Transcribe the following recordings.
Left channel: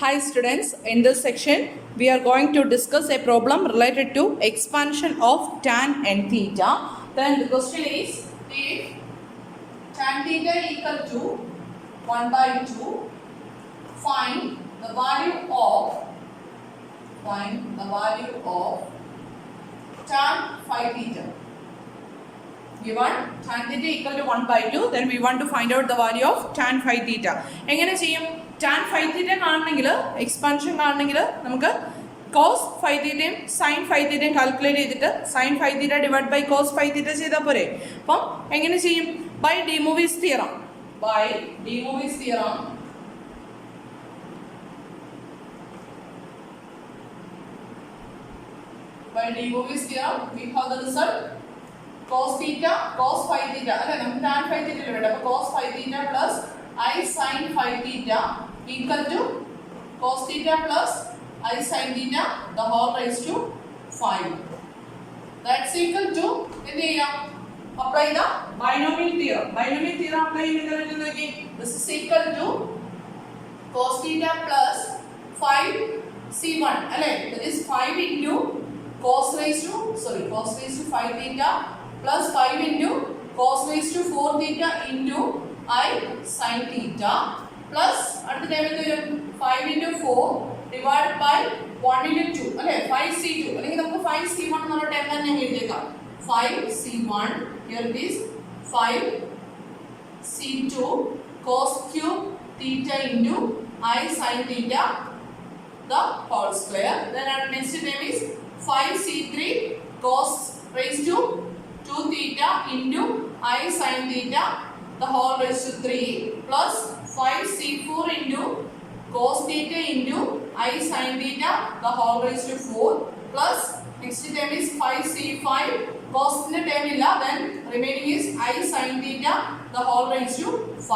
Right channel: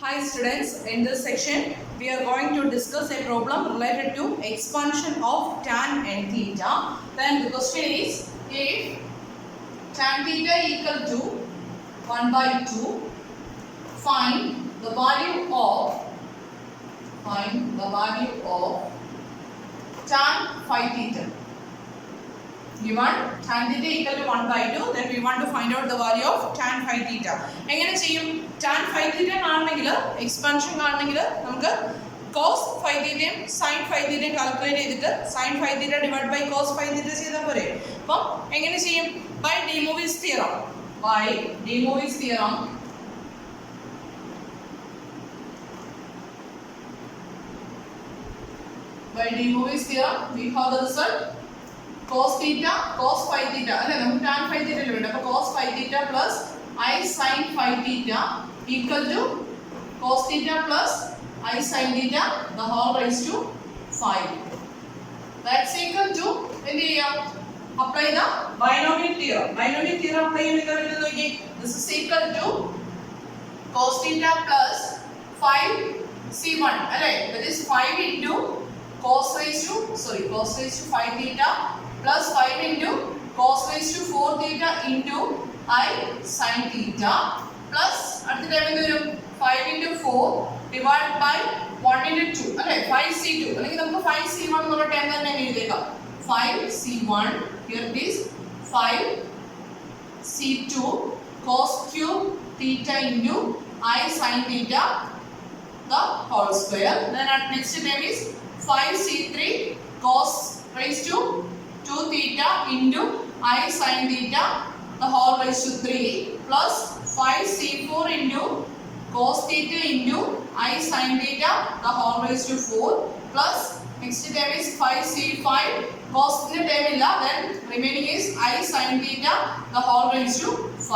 Hi students, in this section we are going to discuss a problem related to expansion of tan n theta. Then the question is, if tan theta equal to 1 by 2, find the value of tan phi theta. Given tan theta equal to 1 by 2, then we want to find out the value of tan phi theta. എങ്ങനെ ചെയ്യും? tan phi theta കാണണമെങ്കിൽ expansion കാണണമെങ്കിൽ നമുക്ക് cos phi theta sin phi theta calculate ചെയ്തിട്ട് sin phi theta divide by cos phi theta ചെയ്താൽ പോരെ. അപ്പം എങ്ങനെ ചെയ്യും? By de Moivre's theorem. By de Moivre's theorem, we have the result cos theta, cos phi theta. അല്ലേ, നമുക്ക് tan phi theta അല്ലേ വേണ്ടത്. അപ്പോൾ cos phi theta plus I sin phi theta equal to cos theta plus I sin theta the whole raised to 5. That's equal to എന്ത് ചെയ്യാം? Apply the binomial theorem. Binomial theorem apply ചെയ്യുമ്പോൾ നോക്കി, this is equal to cos theta plus 5c1 അല്ലേ, that is 5 into cos raised to 5 theta plus 5 into cos raised to 4 theta into I sin theta plus അടുത്ത time എന്ത് വരും? 5 into 4 divided by 1 into 2 അല്ലേ, 5c2 അല്ലെങ്കിൽ നമുക്ക് 5c1 എന്നുള്ള time തന്നെ എഴുതിയേക്കാം. 5c1, here it is 5c2 cos cube theta into I sin theta the whole square. Then at next term is 5c3 cos raised to 2 theta into I sin theta the whole raised to 3 plus 5c4 into cos theta into I sin theta the whole raised to 4 plus next term is 5c5 cos the term illa, then remaining is I sin theta the whole raised to 5.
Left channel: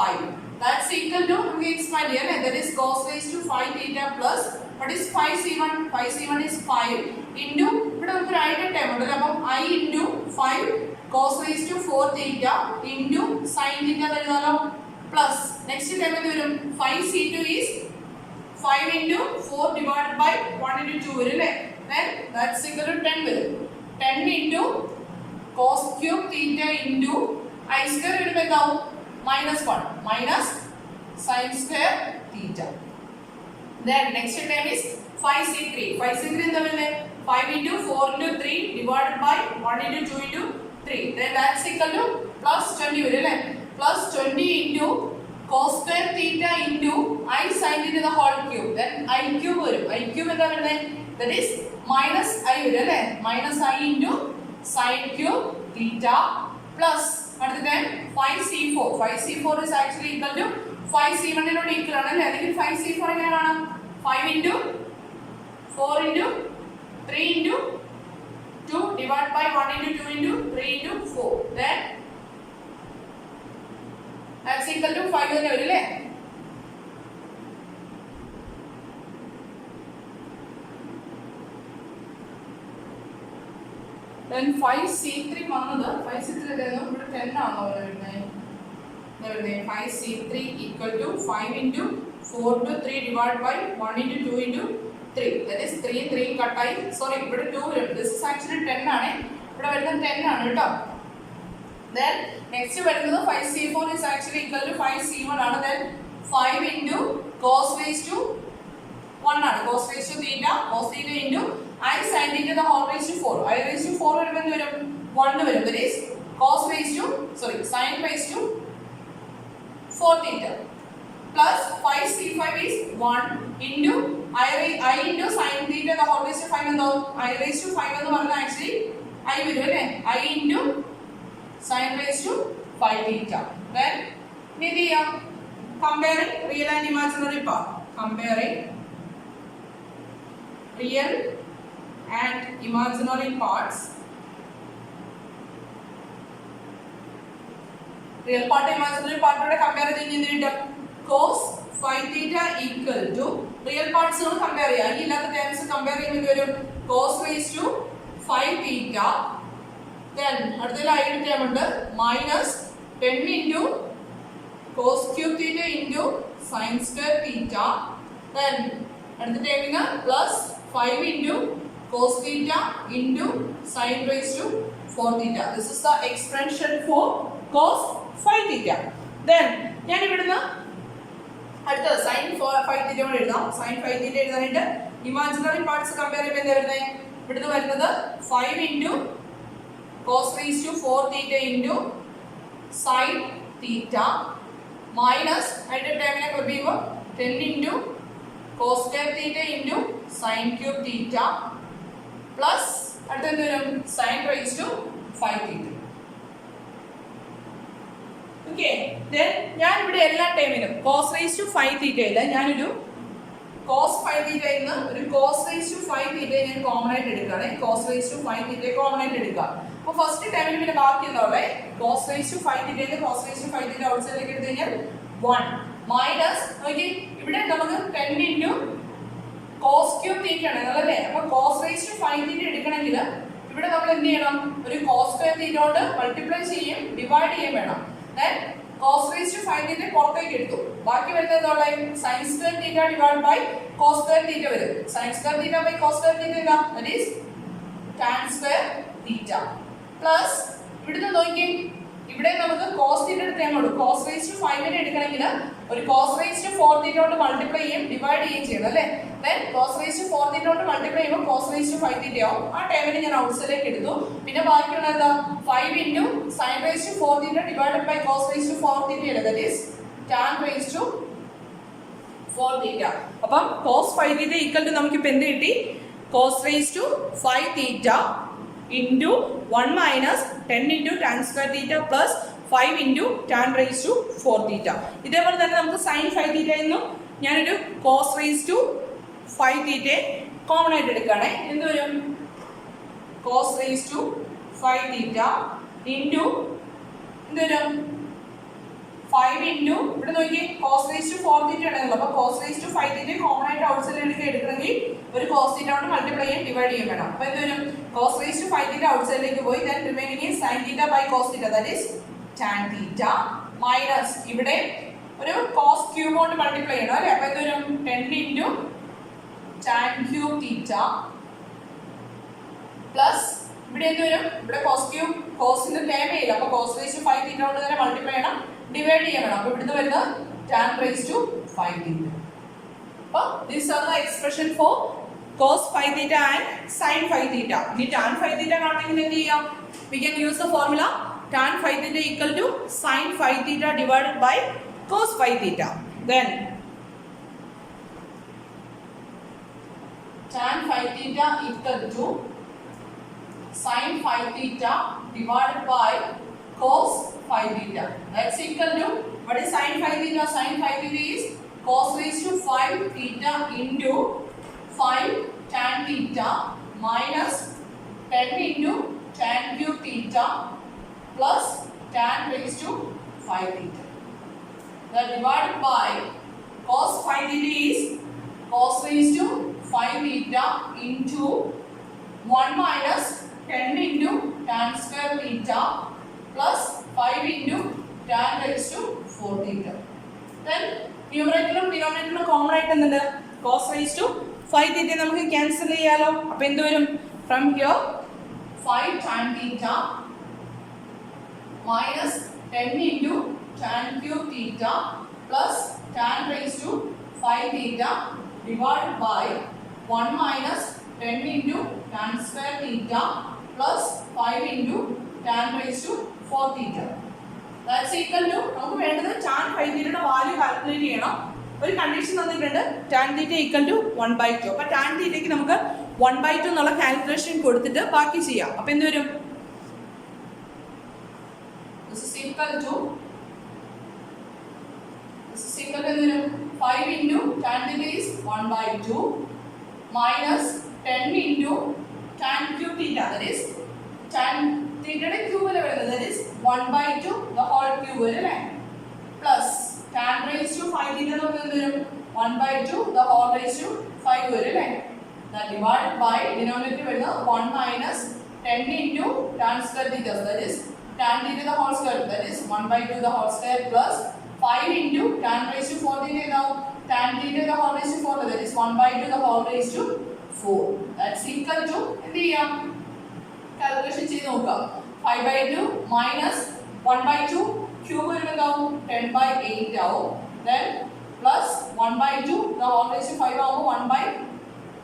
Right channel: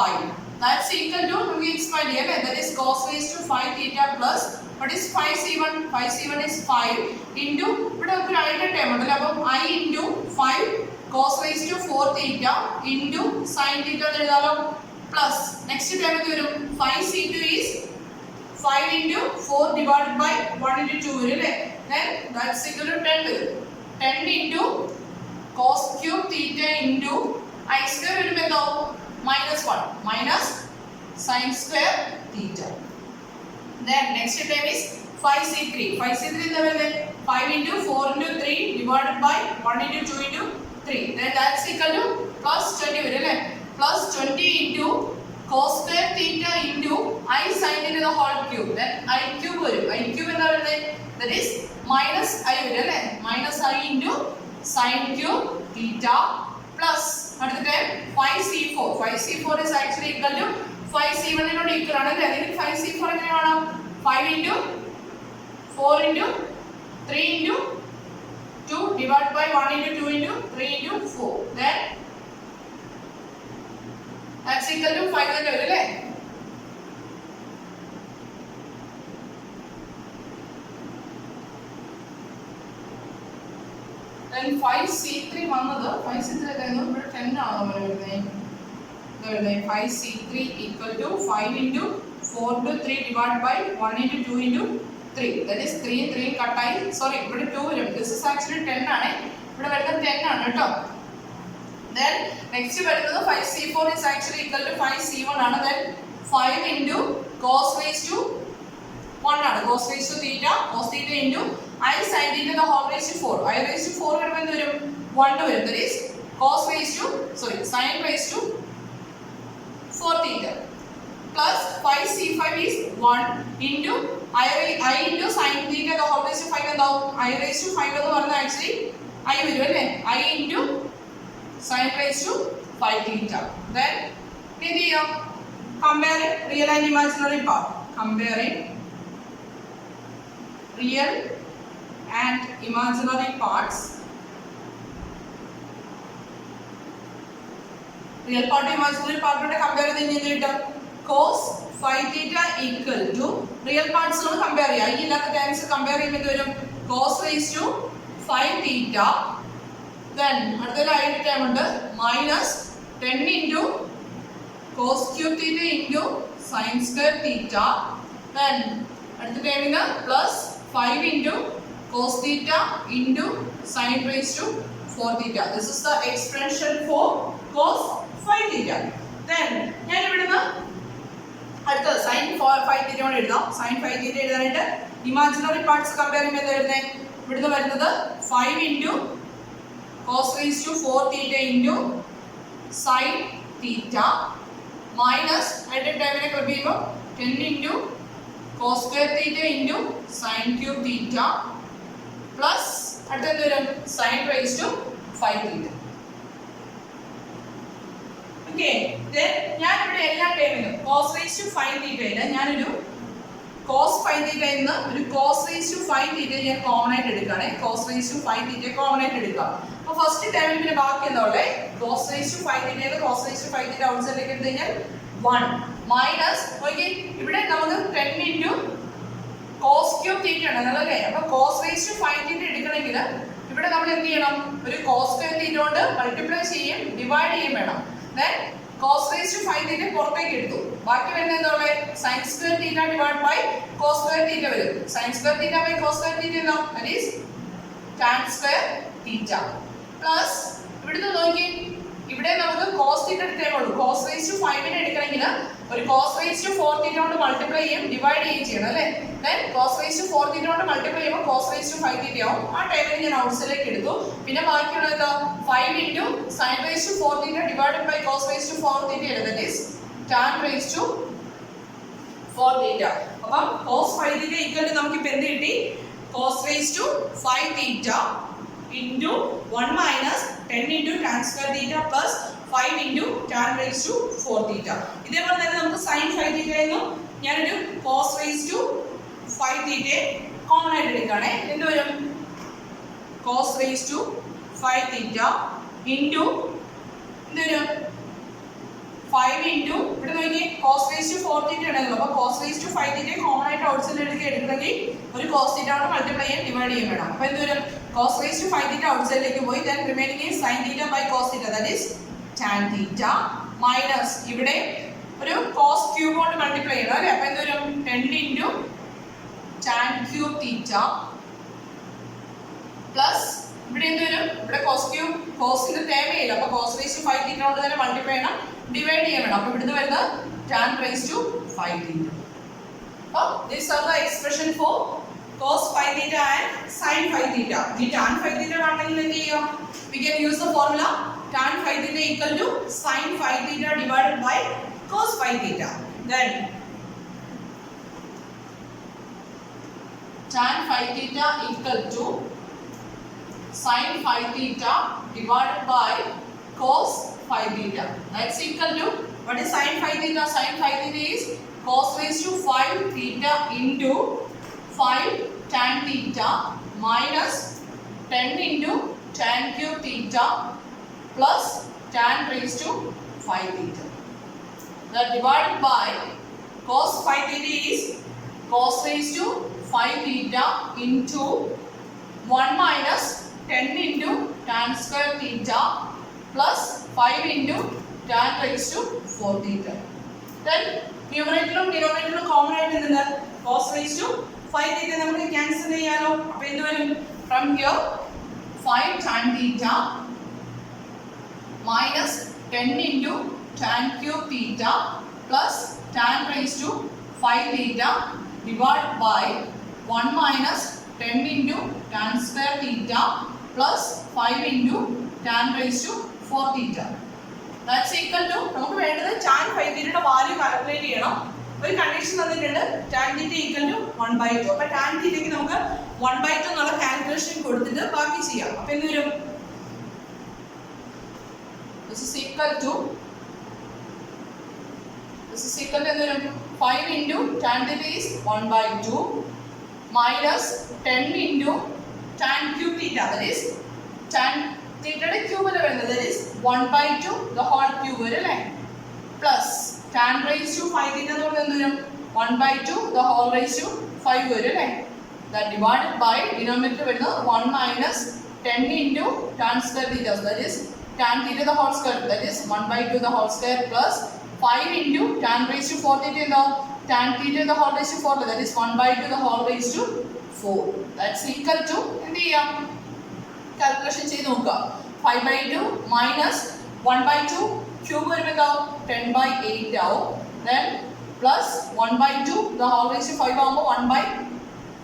That's equal to we expand here, that is cos raised to 5 theta plus what is 5c1? 5c1 is 5 into ഇവിടെ നമുക്ക് right term ഉണ്ടല്ലോ, അപ്പോൾ I into 5 cos raised to 4 theta into sin theta എഴുതാലോ plus next term എന്ത് വരും? 5c2 is 5 into 4 divided by 1 into 2 വരും അല്ലേ, then that's equal to 10 വരും. 10 into cos cube theta into I square വരുമ്പോൾ എന്താവും? -1 minus sin square theta. Then next term is 5c3. 5c3 എന്താ വരുന്നത്? 5 into 4 into 3 divided by 1 into 2 into 3. Then that's equal to plus 20 വരും അല്ലേ, plus 20 into cos square theta into I sin theta the whole cube. Then I cube vരും. I cube എന്താ വരുന്നത്? That is minus I vരും അല്ലേ, minus I into sin cube theta plus അടുത്ത time 5c4. 5c4 is actually equal to 5c1 നോട് equal ആണ് അല്ലേ, അല്ലെങ്കിൽ 5c4 എങ്ങനെ കാണാം? 5 into 4 into 3 into 2 divided by 1 into 2 into 3 into 4. Then that's equal to 5 തന്നെ വരും അല്ലേ. Then 5c3 വന്നത് 5c3 കഴിഞ്ഞു ഇവിടെ 10 ആണ് നമ്മൾ വരുന്നത്. 5c3 equal to 5 into 4 into 3 divided by 1 into 2 into 3. That is 3 cut ആയി, sorry ഇവിടെ 2 വരും. This is actually 10 ആണ്, ഇവിടെ വരുന്നത് 10 ആണ് കേട്ടോ. Then next വരുന്നത് 5c4 is actually equal to 5c1 ആണ്. Then 5 into cos raised to 1 ആണ്, cos raised to theta, cos theta into I sin theta the whole raised to 4. I raised to 4 വരുമ്പോൾ എന്ത് വരും? 1 വരും. That is cos raised to sin raised to 4 theta plus 5c5 is 1 into I into sin theta the whole raised to 5 എന്താവും? I raised to 5 എന്ന് പറഞ്ഞാൽ actually I വരും അല്ലേ, I into sin raised to 5 theta. Then എന്ത് ചെയ്യാം? Comparing real and imaginary part. Comparing real and imaginary parts. Real part imaginary part കൂടെ compare ചെയ്ത് എന്ത് കിട്ടും? cos phi theta equal to real parts നോട് compare ചെയ്യാം. ഈ ഇല്ലാത്ത ടേംസ് കമ്പയർ ചെയ്യുമ്പോൾ എന്ത് വരും? cos raised to 5 theta. Then അടുത്തൊരു ഐഡിയ ടേം ഉണ്ട് minus 10 into cos cube theta into sin square theta. Then അടുത്ത ടേമിന് plus 5 into cos theta into sin raised to 4 theta. This is the expression for cos 5 theta. Then ഞാൻ ഇവിടുന്ന് അടുത്തത് sin 5 theta കൊണ്ട് എഴുതാം. sin 5 theta എഴുതാനായിട്ട് imaginary parts compare ചെയ്യുമ്പോൾ എന്താ വരുന്നത്? ഇവിടുന്ന് വരുന്നത് 5 into cos raised to 4 theta into sin theta minus അടുത്ത ടേമിനെ ക്ലബ് ചെയ്യുമ്പോൾ 10 into cos square theta into sin cube theta plus അടുത്ത എന്ത് വരും? sin raised to 5 theta. Okay, ഞാൻ ഇവിടെ എല്ലാ ടേമിനും cos raised to 5 theta ഇല്ല, ഞാനൊരു cos 5 theta ഇന്ന് ഒരു cos raised to 5 theta ഞാൻ കോമൺ ആയിട്ട് എടുക്കുകയാണ്. cos raised to 5 theta common ആയിട്ട് എടുക്കുക. അപ്പോൾ ഫസ്റ്റ് ടൈമിൽ പിന്നെ ബാക്കി എന്താ ഉള്ളത്? cos raised to 5 theta എന്ന് cos raised to 5 theta ഔട്ട്സൈഡിലേക്ക് എടുത്തു കഴിഞ്ഞാൽ 1 മൈനസ് ഓക്കെ ഇവിടെ നമുക്ക് 10 into cos cube theta ആണ് അല്ലേ? അപ്പോൾ cos raised to 5 theta എടുക്കണമെങ്കിൽ ഇവിടെ നമ്മൾ എന്ത് ചെയ്യണം? ഒരു cos square theta കൊണ്ട് മൾട്ടിപ്ലൈ ചെയ്യും ഡിവൈഡ് ചെയ്യും വേണം. then cos raised to 5 theta പുറത്തേക്ക് എടുത്തു. ബാക്കി വരുന്നത് എന്താ ഉള്ളത്? sin square theta divided by cos square theta വരും. sin square theta by cos square theta എന്താ? that is tan square theta plus ഇവിടുന്ന് നോക്കി ഇവിടെ നമുക്ക് cos theta എടുത്തേ ഉള്ളൂ. cos raised to 5 നെ എടുക്കണമെങ്കിൽ ഒരു cos raised to 4 theta കൊണ്ട് മൾട്ടിപ്ലൈ ചെയ്യും ഡിവൈഡ് ചെയ്യും ചെയ്യണം അല്ലേ? then cos raised to 4 theta കൊണ്ട് മൾട്ടിപ്ലൈ ചെയ്യുമ്പോൾ cos raised to 5 theta ആവും. ആ ടൈമിൽ ഞാൻ ഔട്ട്സൈഡിലേക്ക് എടുത്തു. പിന്നെ ബാക്കിയുള്ളത് എന്താ? 5 into sin raised to 4 theta divided by cos raised to 4 theta ആണ്. that is tan raised to 4 theta. അപ്പം cos 5 theta equal to നമുക്ക് ഇപ്പോ എന്ത് കിട്ടി? cos raised to 5 theta into 1 minus 10 into tan square theta plus 5 into tan raised to 4 theta. ഇതേപോലെ തന്നെ നമുക്ക് sin 5 theta എന്നും ഞാനൊരു cos raised to 5 theta common ആയിട്ട് എടുക്കുകയാണ്. എന്ത് വരും? cos raised to 5 theta into എന്ത് വരും? 5 into ഇവിടെ നോക്കി cos raised to 4 theta ആണല്ലോ. അപ്പോൾ cos raised to 5 theta common ആയിട്ട് ഔട്ട്സൈഡിൽ എടുക്കണമെങ്കിൽ ഒരു cos theta കൊണ്ട് മൾട്ടിപ്ലൈ ചെയ്യാൻ ഡിവൈഡ് ചെയ്യാൻ വേണം. അപ്പോൾ എന്ത് വരും? cos raised to 5 theta ഔട്ട്സൈഡിലേക്ക് പോയി then remaining is sin theta by cos theta that is tan theta minus ഇവിടെ ഒരു cos cube കൊണ്ട് മൾട്ടിപ്ലൈ ചെയ്യണം അല്ലേ? അപ്പോൾ എന്ത് വരും? 10 into tan cube theta plus ഇവിടെ എന്ത് വരും? ഇവിടെ cos cube cosന്റെ ടേം ഇല്ല. അപ്പോൾ cos raised to 5 theta കൊണ്ട് തന്നെ മൾട്ടിപ്ലൈ ചെയ്യണം ഡിവൈഡ് ചെയ്യാൻ വേണം. അപ്പോൾ ഇവിടുന്ന് വരുന്നത് tan raised to 5 theta. അപ്പോൾ these are the expression for cos 5 theta and sin 5 theta. ഈ tan 5 theta കാണണമെങ്കിൽ എന്ത് ചെയ്യാം? We can use the formula tan 5 theta equal to sin 5 theta divided by cos 5 theta. Then tan 5 theta equal to sin 5 theta divided by cos 5 theta. That's equal to what is sin 5 theta? Sin 5 theta is cos raised to 5 theta into 5 tan theta minus 10 into tan cube theta plus tan raised to 5 theta. That divided by cos 5 theta is cos raised to 5 theta into 1 minus 10 into tan square theta plus 5 into tan raised to 4 theta. Then numerator common ആയിട്ട് എന്തുണ്ട്? cos raised to 5 theta നമുക്ക് cancel ചെയ്യാലോ. അപ്പോൾ എന്ത് വരും? from here 5 tan theta minus 10 into tan cube theta plus tan raised to 5 theta divided by 1 minus 10 into tan square theta plus 5 into tan raised to 4 theta. That's equal to നമുക്ക് വേണ്ടത് tan 5 theta value calculate ചെയ്യണം. ഒരു condition തന്നിട്ടുണ്ട് tan theta equal to 1/2. അപ്പോൾ tan theta ക്ക് നമുക്ക് 1/2 എന്നുള്ള calculation കൊടുത്തിട്ട് ബാക്കി ചെയ്യാം. അപ്പോൾ എന്ത് വരും? This is equal to എന്ത് വരും? 5 into tan theta is 1/2 minus 10 into tan cube theta that is tan theta യുടെ ക്യൂബ് അല്ലേ വരുന്നത് that is 1/2 the whole cube വരും അല്ലേ plus tan raised to 5 theta എന്ന് പറഞ്ഞാൽ എന്ത് വരും? 1/2 the whole raised to 5 വരും അല്ലേ? that divided by denominator വരുന്നത് 1 minus 10 into tan square theta that is tan theta the whole square that is 1/2 the whole square plus 5 into tan raised to 4 theta എന്താവും? tan theta to the whole raised to 4, that is 1 by 2 the whole raised to 4. That's equal to, എന്ത് ചെയ്യാം, calculation ചെയ്ത് നോക്കുക. 5 by 2 minus 1 by 2 cube വരുമ്പോൾ എന്താവും 10 by 8 ആവും. Then plus 1 by 2 the whole raised to 5 ആവുമ്പോൾ 1 by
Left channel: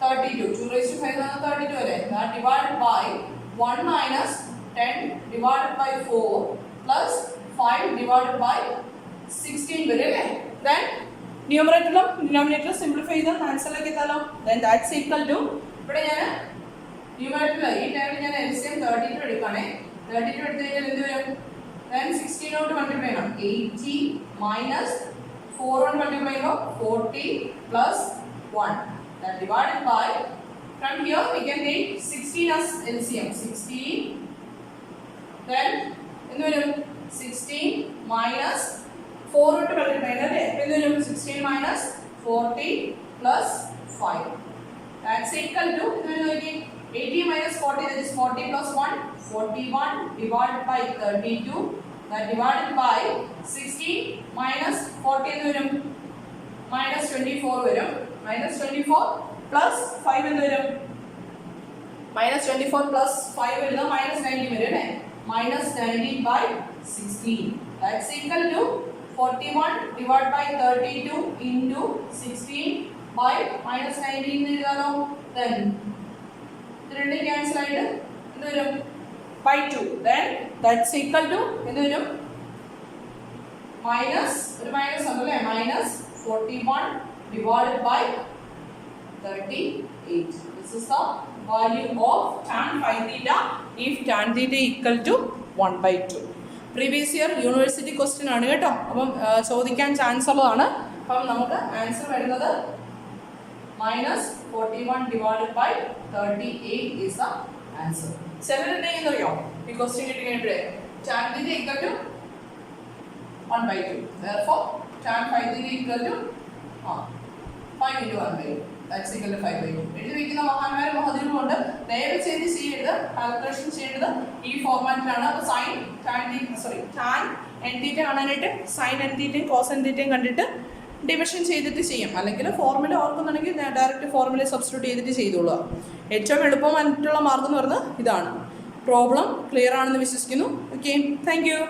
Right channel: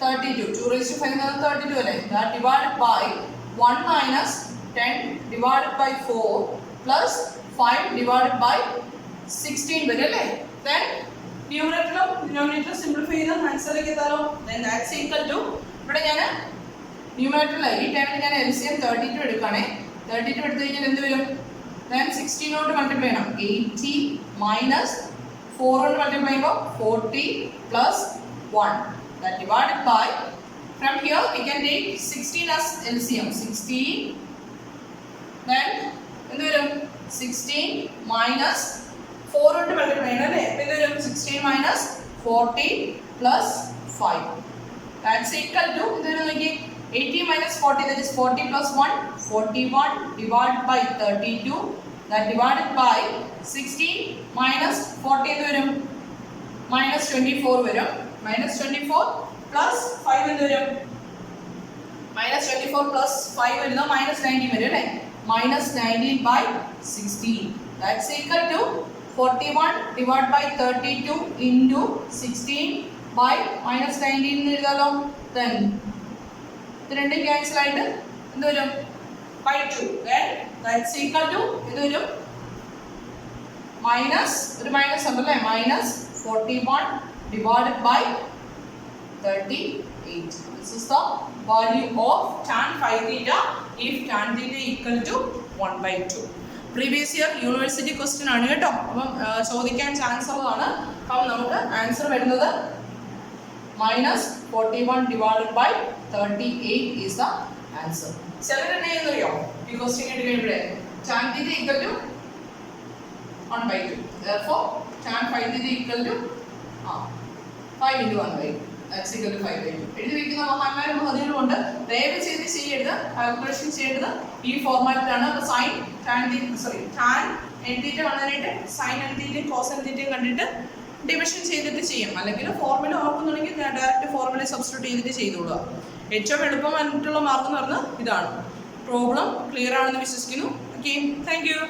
32. 2 raised to 5 എന്ന് പറഞ്ഞാൽ 32 അല്ലേ. That divided by 1 minus 10 divided by 4 plus 5 divided by 16 വരും അല്ലേ. Then ന്യൂമറേറ്ററിലും ഡിനോമിനേറ്ററും സിംപ്ലിഫൈ ചെയ്താൽ ആൻസറിലേക്ക് എത്താലോ. Then that's equal to, ഇവിടെ ഞാൻ ന്യൂമറേറ്ററിൽ ഈ ടൈമിൽ ഞാൻ LCM 32 എടുക്കുകയാണേ. 32 എടുത്തു കഴിഞ്ഞാൽ എന്ത് വരും? Then 16 കൊണ്ട് മൾട്ടിപ്ലൈ ചെയ്യണം. 80 minus 4 കൊണ്ട് മൾട്ടിപ്ലൈ ചെയ്യുമ്പോൾ 40 plus 1. That divided by, from here we can take 16 as LCM. 16, then എന്ത് വരും? 16 minus 4 കൊണ്ട് മൾട്ടിപ്ലൈ ചെയ്യണം അല്ലേ. എന്ത് വരും? 16 minus 40 plus 5. That's equal to, ഇത് വരും നോക്കി, 80 minus 40, that is 40 plus 1, 41 divided by 32. That divided by 16 minus 40 എന്ത് വരും? minus 24 വരും. minus 24 plus 5 എന്ത് വരും? minus 24 plus 5 വരുന്നത് minus 19 വരും അല്ലേ. minus 19 by 16. That's equal to 41 divided by 32 into 16 by minus 19 എന്ന് എഴുതാലോ. Then ഇത് രണ്ടും ക്യാൻസൽ ആയിട്ട് എന്ത് വരും? by 2. Then that's equal to എന്ത് വരും? minus, ഒരു മൈനസ് ഉണ്ടല്ലേ, minus 41 divided by 38. This is the value of tan phi theta if tan theta equal to 1 by 2. Previous year university question ആണ് കേട്ടോ. അപ്പം ചോദിക്കാൻ ചാൻസ് ഉള്ളതാണ്. അപ്പം നമുക്ക് ആൻസർ വരുന്നത് -41 divided by 38 is the answer. ചിലരുടെ ചെയ്യുന്നറിയോ ഈ ക്വസ്റ്റ്യൻ കിട്ടി കഴിയുമ്പോഴേ tan theta equal to 1 by 2. Therefore tan phi theta equal to 5 into 1 by 2. That's equal to 5 by 2. എഴുതി വെക്കുന്ന മഹാന്മാരും മഹതികളുമുണ്ട്. ദയവ് ചെയ്ത് ചെയ്യേണ്ടത്, കാൽക്കുലേഷൻ ചെയ്യേണ്ടത് ഈ ഫോർമാറ്റിലാണ്. അപ്പോൾ സൈൻ tan n theta കാണാനായിട്ട് sine n theta cos n theta കണ്ടിട്ട് ഡിവിഷൻ ചെയ്തിട്ട് ചെയ്യും. അല്ലെങ്കിൽ ഫോർമുല ഓർക്കുന്നുണ്ടെങ്കിൽ ഡയറക്റ്റ് ഫോർമുല സബ്സ്റ്റിറ്റ്യൂട്ട് ചെയ്തിട്ട് ചെയ്തോളുക. ഏറ്റവും എളുപ്പമായിട്ടുള്ള മാർഗം എന്ന് പറഞ്ഞാൽ ഇതാണ്. പ്രോബ്ലം ക്ലിയർ ആണെന്ന് വിശ്വസിക്കുന്നു. Okay, thank you.